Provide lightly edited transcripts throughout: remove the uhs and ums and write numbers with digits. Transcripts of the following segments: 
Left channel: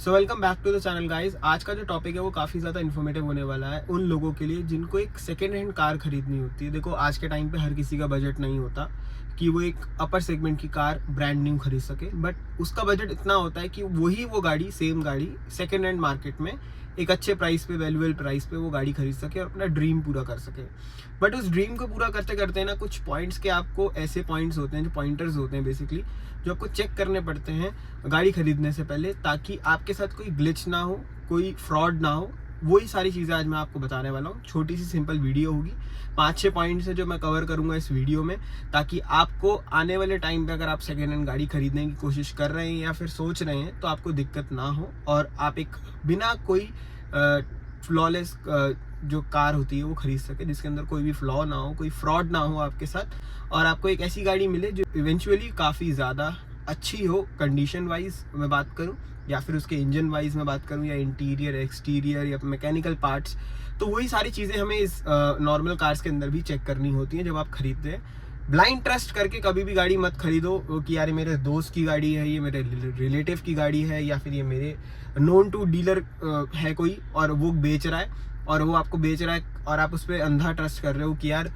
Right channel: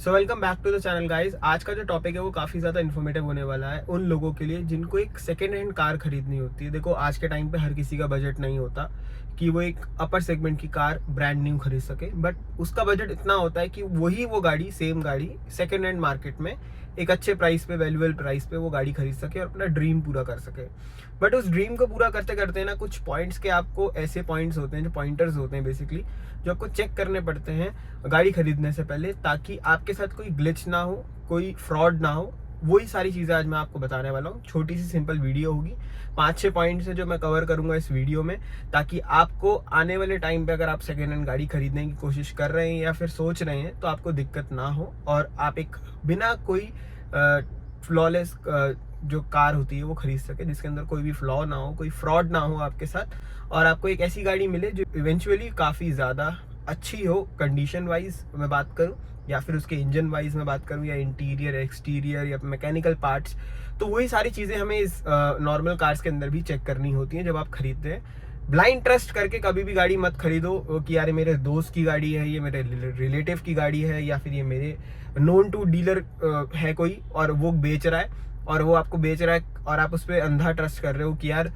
So welcome back to the channel guys. आज का जो टॉपिक है वो काफ़ी ज़्यादा इन्फॉर्मेटिव होने वाला है उन लोगों के लिए जिनको एक सेकेंड हैंड कार खरीदनी होती है। देखो, आज के टाइम पे हर किसी का बजट नहीं होता कि वो एक अपर सेगमेंट की कार ब्रांड न्यू खरीद सके, बट उसका बजट इतना होता है कि वो गाड़ी सेम गाड़ी सेकेंड हैंड मार्केट में एक अच्छे प्राइस पे, वैल्यूएबल प्राइस पे वो गाड़ी खरीद सके और अपना ड्रीम पूरा कर सके। बट उस ड्रीम को पूरा करते करते ना कुछ पॉइंट्स के आपको ऐसे पॉइंट्स होते हैं, जो पॉइंटर्स होते हैं बेसिकली, जो आपको चेक करने पड़ते हैं गाड़ी खरीदने से पहले, ताकि आपके साथ कोई ग्लिच ना हो, कोई फ्रॉड ना हो। वही सारी चीज़ें आज मैं आपको बताने वाला हूँ। छोटी सी सिंपल वीडियो होगी, 5-6 पॉइंट्स है जो मैं कवर करूंगा इस वीडियो में, ताकि आपको आने वाले टाइम पे अगर आप सेकेंड हैंड गाड़ी खरीदने की कोशिश कर रहे हैं या फिर सोच रहे हैं तो आपको दिक्कत ना हो और आप एक बिना कोई फ्लॉलेस जो कार होती है वो खरीद सके, जिसके अंदर कोई भी फ्लॉ ना हो, कोई फ्रॉड ना हो आपके साथ, और आपको एक ऐसी गाड़ी मिले जो इवेंचुअली काफ़ी ज़्यादा अच्छी हो। कंडीशन वाइज मैं बात करूं या फिर उसके इंजन वाइज मैं बात करूं या इंटीरियर एक्सटीरियर या मैकेनिकल पार्ट्स, तो वही सारी चीज़ें हमें इस नॉर्मल कार्स के अंदर भी चेक करनी होती हैं जब आप खरीदते हैं। ब्लाइंड ट्रस्ट करके कभी भी गाड़ी मत खरीदो कि यार मेरे दोस्त की गाड़ी है, ये मेरे रिलेटिव की गाड़ी है, या फिर ये मेरे नोन टू डीलर है कोई और वो बेच रहा है और वो आपको बेच रहा है और आप उस पर अंधा ट्रस्ट कर रहे हो कि यार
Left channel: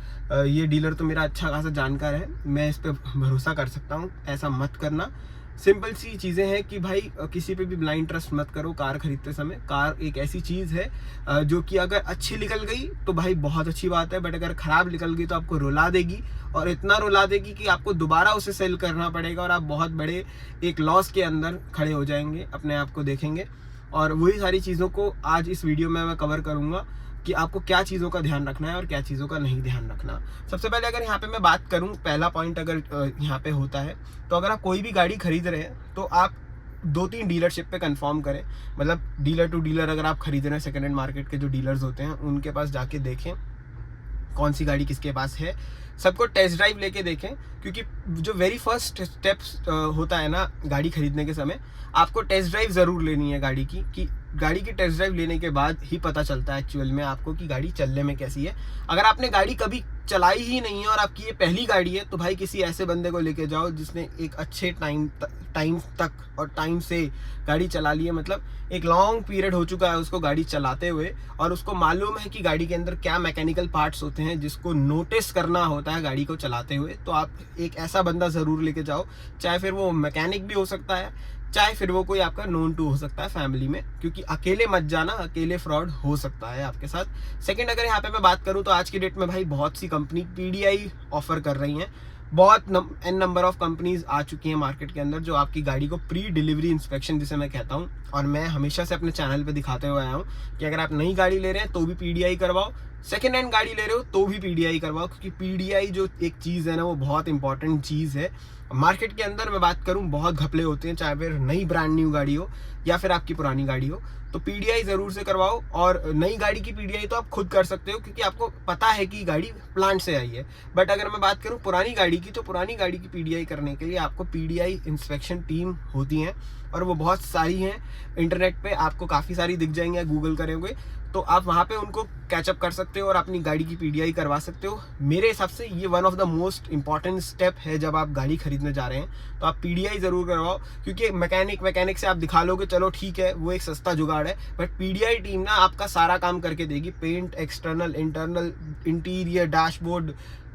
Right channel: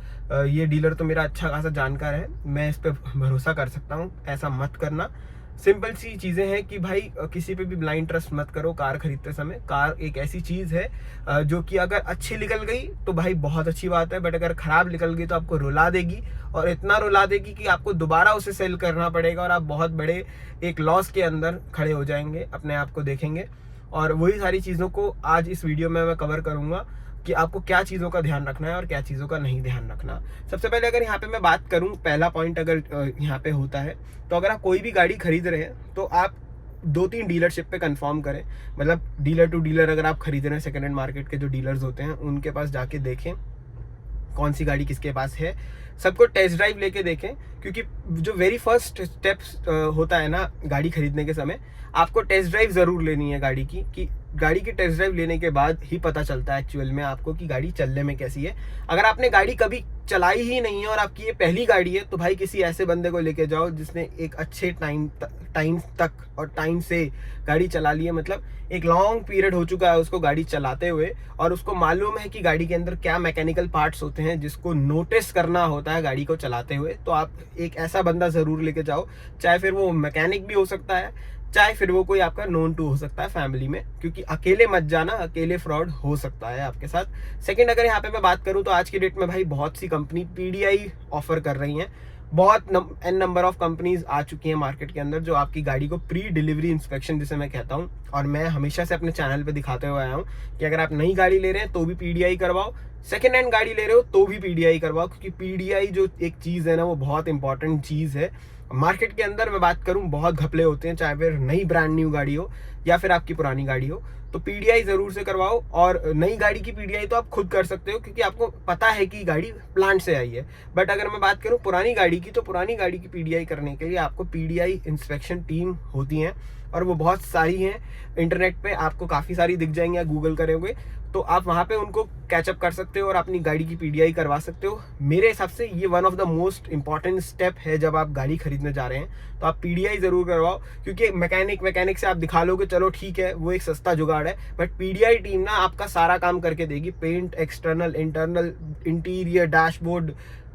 ये डीलर तो मेरा अच्छा खासा जानकार है, मैं इस पर भरोसा कर सकता हूँ। ऐसा मत करना। सिंपल सी चीज़ें हैं कि भाई किसी पे भी ब्लाइंड ट्रस्ट मत करो कार खरीदते समय। कार एक ऐसी चीज़ है जो कि अगर अच्छी निकल गई तो भाई बहुत अच्छी बात है, बट अगर ख़राब निकल गई तो आपको रुला देगी, और इतना रुला देगी कि आपको दोबारा उसे सेल करना पड़ेगा और आप बहुत बड़े एक लॉस के अंदर खड़े हो जाएंगे, अपने आप को देखेंगे। और वही सारी चीज़ों को आज इस वीडियो में मैं कवर करूँगा कि आपको क्या चीज़ों का ध्यान रखना है और क्या चीज़ों का नहीं ध्यान रखना। सबसे पहले अगर यहाँ पे मैं बात करूँ, पहला पॉइंट अगर यहाँ पे होता है, तो अगर आप कोई भी गाड़ी खरीद रहे हैं तो आप 2-3 डीलरशिप पे कंफर्म करें। मतलब डीलर टू डीलर अगर आप खरीद रहे हैं, सेकेंड हैंड मार्केट के जो डीलर्स होते हैं उनके पास जाके देखें कौन सी गाड़ी किसके पास है, सबको टेस्ट ड्राइव लेके देखें। क्योंकि जो वेरी फर्स्ट स्टेप्स होता है ना गाड़ी खरीदने के समय, आपको टेस्ट ड्राइव ज़रूर लेनी है गाड़ी की। कि गाड़ी की टेस्ट ड्राइव लेने के बाद ही पता चलता है एक्चुअल में आपको कि गाड़ी चलने में कैसी है। अगर आपने गाड़ी कभी चलाई ही नहीं है और आपकी ये पहली गाड़ी है, तो भाई किसी ऐसे बंदे को लेके जाओ जिसने एक अच्छे टाइम तक और टाइम से गाड़ी चला ली है, मतलब एक लॉन्ग पीरियड हो चुका है उसको गाड़ी चलाते हुए, और उसको मालूम है कि गाड़ी के अंदर क्या मैकेनिकल पार्ट्स होते हैं जिसको नोटिस करना होता है गाड़ी को चलाते हुए। तो आप एक ऐसा बंदा ज़रूर लेके जाओ, चाहे फिर वो मैकेनिक भी हो सकता है, चाहे फिर वो कोई आपका नोन टू हो सकता है फैमिली में, क्योंकि अकेले मत जाना, अकेले फ्रॉड हो सकता है आपके साथ। सेकंड, अगर यहाँ पे मैं बात करूँ तो आज की डेट में भाई बहुत सी कंपनी पीडीआई ऑफर कर रही हैं। बहुत एन नंबर ऑफ कंपनीज आ चुकी हैं मार्केट के अंदर जो आपकी गाड़ी को प्री डिलीवरी इंस्पेक्शन, जिसे मैं कहता हूँ, और मैं हमेशा से अपने चैनल पे दिखाते हुए आया हूँ कि अगर आप नई गाड़ी ले रहे हैं तो भी पीडीआई करवाओ, सेकेंड हैंड गाड़ी ले रहे हो तो भी पीडीआई करवाओ। क्योंकि पीडीआई जो एक चीज़ है ना, वो बहुत इंपॉर्टेंट चीज़ है। मार्केट के अंदर मैं बात करूं बहुत घपले होते हैं, चाहे फिर नई ब्रांड न्यू गाड़ी हो या फिर आपकी पुरानी गाड़ी हो, तो पीडीआई ज़रूर से करवाओ। और नई गाड़ी की पीडीआई तो आप खुद कर सकते हो क्योंकि आपको पता है कि गाड़ी प्लांट से आई है। बट अगर मैं बात करूं पुरानी गाड़ी की, तो पुरानी गाड़ी की पीडीआई करने के लिए आपको पीडीआई इंस्पेक्शन टीम होती हैं, और वो बहुत सारी हैं। इंटरनेट पे आपको काफ़ी सारी दिख जाएंगे, या गूगल करोगे तो आप वहाँ पे उनको कैचअप कर सकते हो और अपनी गाड़ी की पीडीआई करवा सकते हो। मेरे हिसाब से ये one of the most important step है जब आप गाड़ी खरीदने जा रहे हैं, तो आप पीडीआई ज़रूर करवाओ। क्योंकि मैकेनिक से आप दिखा लोगे, चलो ठीक है वो एक सस्ता जुगाड़ है, बट पीडीआई टीम ना आपका सारा काम करके देगी। Paint, external, internal, interior, dashboard,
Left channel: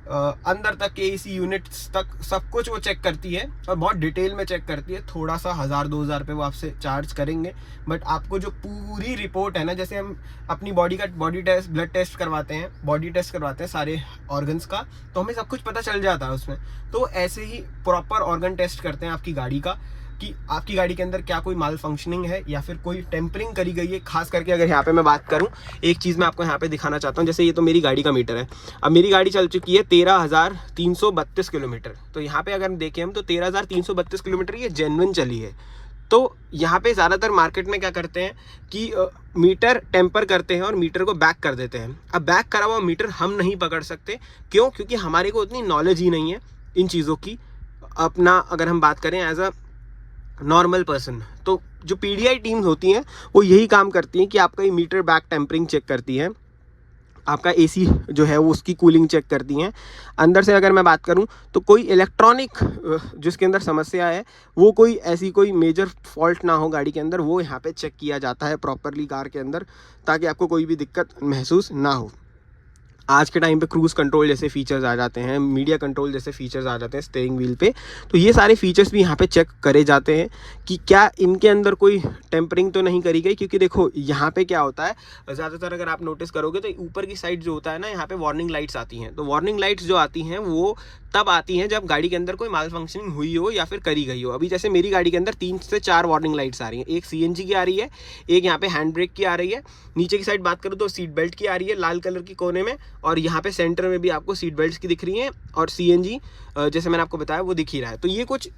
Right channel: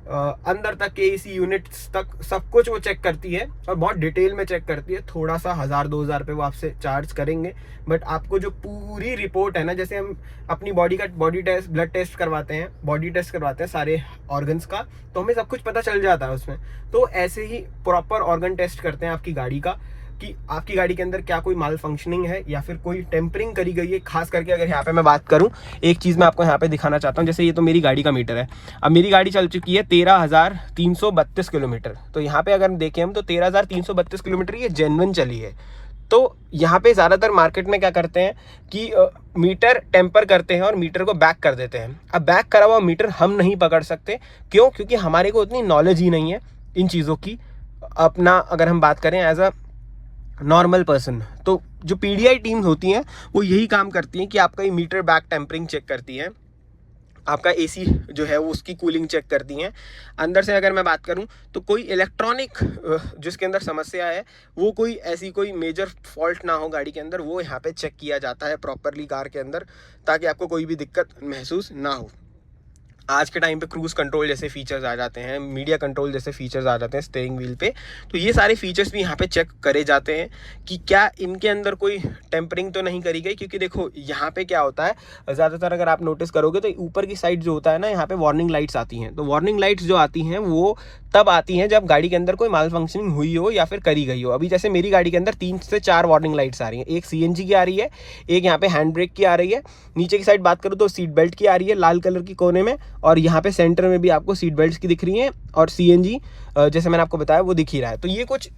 अंदर तक के एसी यूनिट्स तक सब कुछ वो चेक करती है, और बहुत डिटेल में चेक करती है। थोड़ा सा 1000-2000 रुपये वो आपसे चार्ज करेंगे, बट आपको जो पूरी रिपोर्ट है ना, जैसे हम अपनी बॉडी टेस्ट, ब्लड टेस्ट करवाते हैं, बॉडी टेस्ट करवाते हैं सारे ऑर्गन्स का, तो हमें सब कुछ पता चल जाता है उसमें। तो ऐसे ही प्रॉपर ऑर्गन टेस्ट करते हैं आपकी गाड़ी का, कि आपकी गाड़ी के अंदर क्या कोई माल फंक्शनिंग है या फिर कोई टेम्परिंग करी गई है। खास करके अगर यहाँ पे मैं बात करूँ, एक चीज़ मैं आपको यहाँ पे दिखाना चाहता हूँ। जैसे ये तो मेरी गाड़ी का मीटर है, अब मेरी गाड़ी चल चुकी है 13,332 किलोमीटर। तो यहाँ पे अगर देखें हम, तो 13,332 किलोमीटर ये जेन्युइन चली है। तो यहाँ पे ज़्यादातर मार्केट में क्या करते हैं कि मीटर टेम्पर करते हैं और मीटर को बैक कर देते हैं। अब बैक करा हुआ मीटर हम नहीं पकड़ सकते, क्यों? क्योंकि हमारे को उतनी नॉलेज ही नहीं है इन चीज़ों की। अपना अगर हम बात करें एज अ नॉर्मल पर्सन, तो जो पीडीआई टीम्स होती हैं वो यही काम करती हैं कि आपका ये मीटर बैक टेम्परिंग चेक करती है। आपका एसी जो है वो उसकी कूलिंग चेक करती हैं। अंदर से अगर मैं बात करूं तो कोई इलेक्ट्रॉनिक जिसके अंदर समस्या है, वो कोई ऐसी कोई मेजर फॉल्ट ना हो गाड़ी के अंदर, वो यहाँ पे चेक किया जाता है प्रॉपरली कार के अंदर, ताकि आपको कोई भी दिक्कत महसूस ना हो। आज के टाइम पे क्रूज़ कंट्रोल जैसे फीचर्स आ जाते हैं, मीडिया कंट्रोल जैसे फीचर्स आ जाते हैं स्टीयरिंग व्हील पे, तो ये सारे फीचर्स भी यहाँ पे चेक करे जाते हैं कि क्या इनके अंदर कोई टेम्परिंग तो नहीं करी गई। क्योंकि देखो यहाँ पे क्या होता है, ज़्यादातर अगर आप नोटिस करोगे तो ऊपर की साइड जो होता है ना, यहाँ पे वार्निंग लाइट्स आती हैं। तो वार्निंग लाइट्स जो आती हैं वो तब आती हैं जब गाड़ी के अंदर कोई माल फंक्शनिंग हुई हो या फिर करी गई हो। अभी जैसे मेरी गाड़ी के अंदर 3 से 4 वार्निंग लाइट्स आ रही हैं। एक सीएनजी की आ रही है, एक यहाँ पे हैंड ब्रेक की आ रही है, नीचे की साइड बात करूँ तो सीट बेल्ट की आ रही है लाल कलर की कोने में, और यहाँ पे सेंटर में भी आपको सीट बेल्ट की दिख रही हैं, और सीएनजी जैसे मैंने आपको बताया वो दिख ही रहा है। तो ये कुछ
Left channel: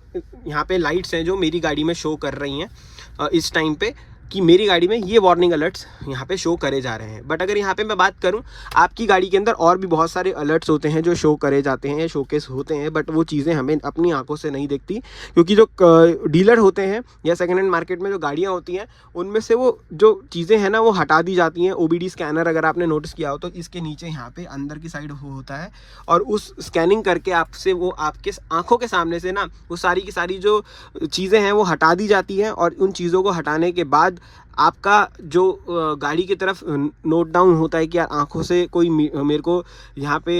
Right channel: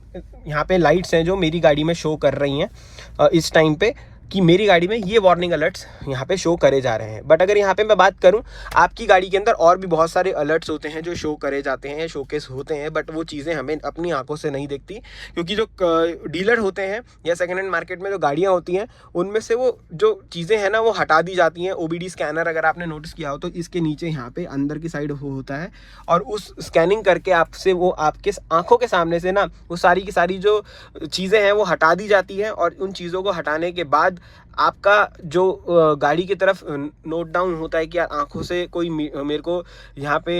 यहाँ पे लाइट्स हैं जो मेरी गाड़ी में शो कर रही हैं इस टाइम पे, कि मेरी गाड़ी में ये वार्निंग अलर्ट्स यहाँ पे शो करे जा रहे हैं। बट अगर यहाँ पे मैं बात करूँ, आपकी गाड़ी के अंदर और भी बहुत सारे अलर्ट्स होते हैं जो शो करे जाते हैं, शोकेस होते हैं, बट वो चीज़ें हमें अपनी आंखों से नहीं दिखती। क्योंकि जो डीलर होते हैं या सेकेंड हैंड मार्केट में जो गाड़ियाँ होती हैं, उनमें से वो जो चीज़ें हैं ना वो हटा दी जाती हैं। OBD स्कैनर अगर आपने नोटिस किया हो तो इसके नीचे यहाँ पे अंदर की साइड वो होता है, और उस स्कैनिंग करके आपसे वो आपके आंखों के सामने से ना वो सारी की सारी जो चीज़ें हैं वो हटा दी जाती हैं। और उन चीज़ों को हटाने के बाद आपका जो गाड़ी की तरफ नोट डाउन होता है कि यार आंखों से कोई मेरे को यहाँ पे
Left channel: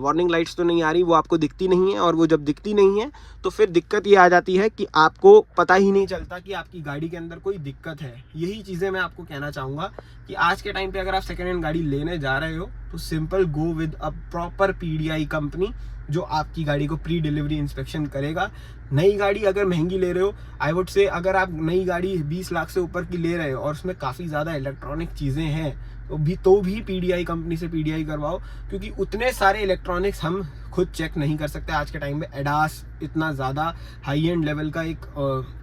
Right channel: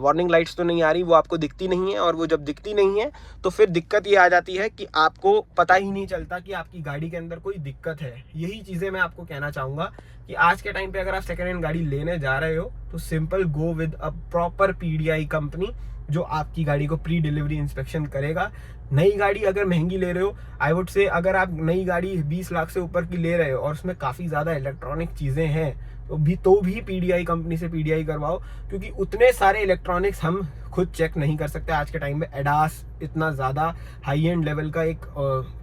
वार्निंग लाइट्स तो नहीं आ रही, वो आपको दिखती नहीं है। और वो जब दिखती नहीं है तो फिर दिक्कत ये आ जाती है कि आपको पता ही नहीं चलता कि आपकी गाड़ी के अंदर कोई दिक्कत है। यही चीज़ें मैं आपको कहना चाहूँगा कि आज के टाइम पे अगर आप सेकेंड हैंड गाड़ी लेने जा रहे हो तो simple go with a proper PDI company, जो आपकी गाड़ी को प्री डिलीवरी इंस्पेक्शन करेगा। नई गाड़ी अगर महंगी ले रहे हो, आई वुड से अगर आप नई गाड़ी 20 लाख से ऊपर की ले रहे हो और उसमें काफ़ी ज़्यादा इलेक्ट्रॉनिक चीज़ें हैं तो भी PDI कंपनी से PDI करवाओ। क्योंकि उतने सारे इलेक्ट्रॉनिक्स हम खुद चेक नहीं कर सकते। आज के टाइम में एडास इतना ज़्यादा हाई एंड लेवल का एक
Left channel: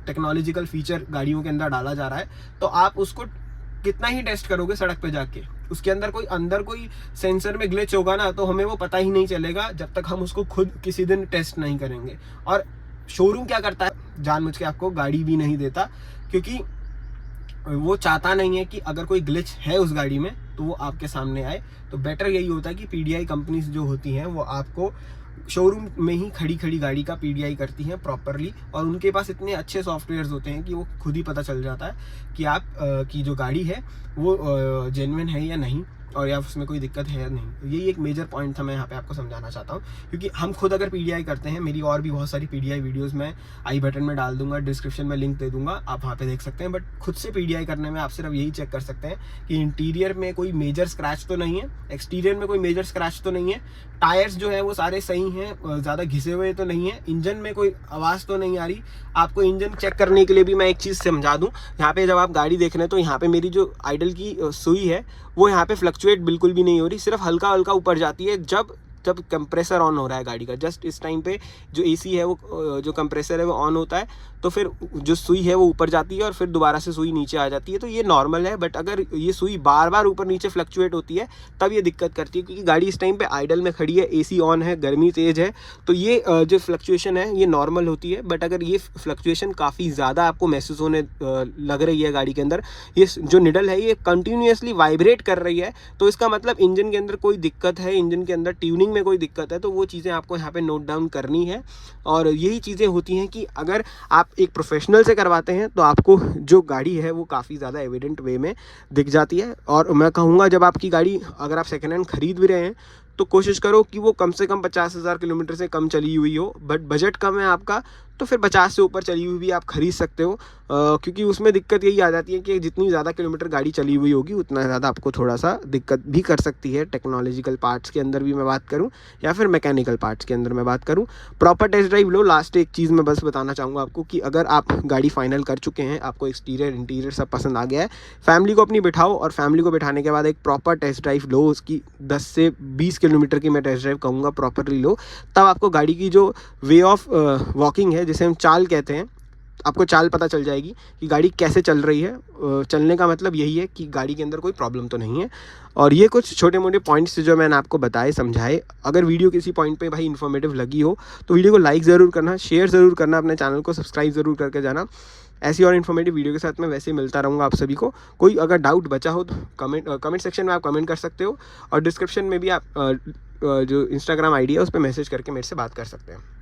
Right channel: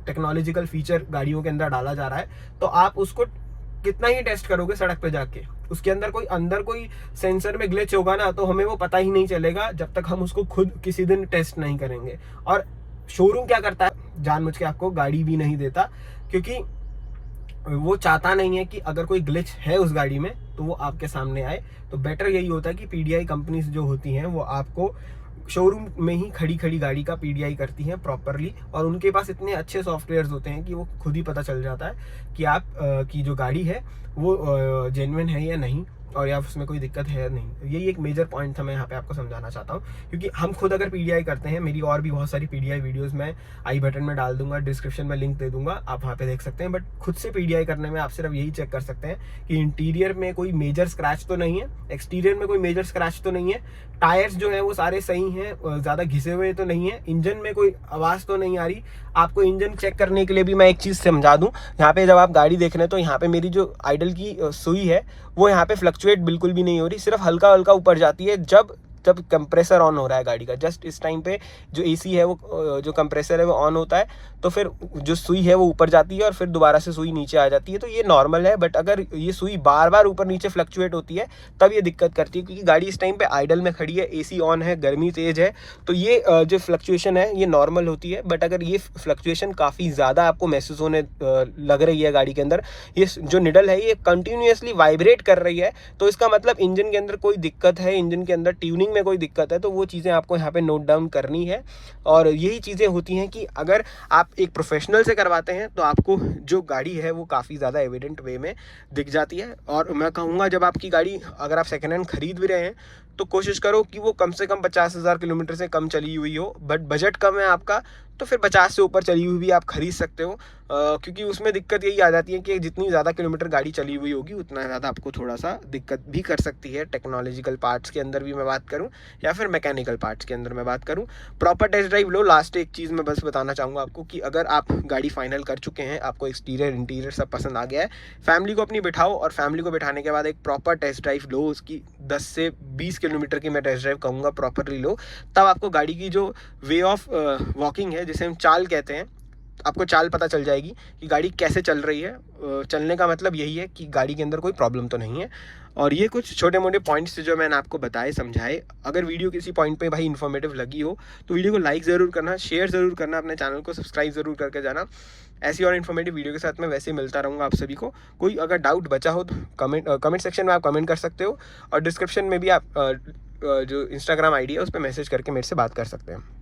टेक्नोलॉजिकल फीचर गाड़ियों के अंदर डाला जा रहा है, तो आप उसको कितना ही टेस्ट करोगे सड़क पे जाके, उसके अंदर कोई सेंसर में ग्लिच होगा ना, तो हमें वो पता ही नहीं चलेगा जब तक हम उसको खुद किसी दिन टेस्ट नहीं करेंगे। और शोरूम क्या करता है, जानबूझ के आपको गाड़ी भी नहीं देता, क्योंकि वो चाहता नहीं है कि अगर कोई ग्लिच है उस गाड़ी में तो वो आपके सामने आए। तो बेटर यही होता है कि PDI कंपनीज जो होती हैं वो आपको शोरूम में ही खड़ी खड़ी गाड़ी का PDI करती हैं प्रॉपरली, और उनके पास इतने अच्छे सॉफ्टवेयर्स होते हैं कि वो खुद ही पता चल जाता है कि आप की जो गाड़ी है वो जेन्युइन है या नहीं, और या उसमें कोई दिक्कत है नहीं। यही एक मेजर पॉइंट था, मैं यहाँ पे आपको समझाना चाहता हूँ। क्योंकि हम खुद अगर PDI करते हैं, मेरी और भी बहुत सारी PDI वीडियोस मैं आई बटन में डाल दूंगा, डिस्क्रिप्शन में लिंक दे दूंगा, आप वहाँ पे देख सकते हैं। बट खुद से PDI करने में आप सिर्फ यही चेक कर सकते हैं कि इंटीरियर में कोई मेजर स्क्रैच तो नहीं है, एक्सटीरियर में कोई मेजर स्क्रैच तो नहीं है, टायर्स जो है वो सारे सही हैं, ज़्यादा घिसे हुए तो नहीं है, इंजन में कोई आवाज़ तो नहीं आ रही। आपको इंजन चेक करने के लिए भी मैं एक चीज़ समझा दूं, यहाँ पे जब आप गाड़ी देख रहे हैं तो यहाँ पे मेरी जो आइडल की सुई है वो यहाँ पे फ्लक्चुएट बिल्कुल भी नहीं हो रही, सिर्फ हल्का हल्का ऊपर जाती है जब कंप्रेसर ऑन हो रहा है गाड़ी का। जस्ट इस टाइम पे जो AC है वो जो कंप्रेसर है वो ऑन होता है, तो फिर जो सुई है वो ऊपर जाती है और फिर दोबारा से सुई नीचे आ जाती है। तो ये नॉर्मल है। बट अगर ये सुई बार बार ऊपर नीचे फ्लक्चुएट होती है तब ये दिक्कत करती है, क्योंकि गाड़ी इस टाइम पे आइडल में खड़ी है, AC ऑन है, गर्मी तेज है, तो ये जो फ्लक्चुएशन है ये नॉर्मल होती है। बट अगर ये फ्लक्चुएशन काफ़ी ज़्यादा आपको महसूस होने लग रही है गाड़ी के अंदर, ये जो निडल है ये कंटिन्यूसली वाइब्रेट कर रही है, तो इसका मतलब इंजन के अंदर कोई दिक्कत है, इंजन के अंदर ट्यूनिंग में कोई दिक्कत है। तो वो चीज़ें आपको यहाँ पे नोट डाउन करनी है। और यही चीज़ें होती हैं कि अगर आप एक प्रोफेशनल से करवाते हैं तो आपको जो गाड़ी है वो काफ़ी ज़्यादा एविडेंट वे में दिख जाती है। और मैं कहूँगा जब आपकी गाड़ी अगर आप सेकेंड हैंड खरीद भी रहे हैं तो कोशिश करो कि वो कम से कम 50,000 किलोमीटर से कम चली हुई हो। बट बजट कम है आपका तो फिर 50 से ऊपर चली हुई भी आप खरीद सकते हो, क्योंकि उसमें दिक्कत यही आ जाती है कि जितनी ज़्यादा किलोमीटर गाड़ी चली हुई होगी उतना ज़्यादा आपको थोड़ा सा दिक्कत भी कर सकती है। टेक्नोलॉजिकल पार्ट्स के अंदर भी मैं बात करूं या फिर मैकेनिकल पार्ट्स के अंदर मैं बात करूं, प्रॉपर टेस्ट ड्राइव लो। लास्ट एक चीज़ मैं बस बताना चाहूँगा आपको कि अगर आप गाड़ी फाइनल कर चुके हैं, आपको एक्सटीरियर इंटीरियर सब पसंद आ गया है, फैमिली को अपनी बिठाओ और फैमिली को बिठाने के बाद एक प्रॉपर टेस्ट ड्राइव लो। उसकी 10 से 20 किलोमीटर की मैं टेस्ट ड्राइव कहूँगा प्रॉपरली लो, तब आपको गाड़ी की जो वे ऑफ वॉकिंग है, जिसे हम चाल कहते हैं, आपको चाल पता चल जाएगी कि गाड़ी कैसे चल रही है। चलने का मतलब यही है कि गाड़ी के अंदर कोई प्रॉब्लम तो नहीं है। और ये कुछ छोटे मोटे पॉइंट्स जो मैंने आपको बताए समझाए। अगर वीडियो किसी पॉइंट पे भाई इन्फॉर्मेटिव लगी हो तो वीडियो को लाइक ज़रूर करना, शेयर ज़रूर करना, अपने चैनल को सब्सक्राइब ज़रूर करके जाना। ऐसी और इन्फॉर्मेटिव वीडियो के साथ मैं वैसे ही मिलता रहूँगा आप सभी को। कोई अगर डाउट बचा हो तो कमेंट सेक्शन में आप कमेंट कर सकते हो, और डिस्क्रिप्शन में भी आप जो इंस्टाग्राम आईडी है उस पर मैसेज करके मेरे से बात कर सकते हैं।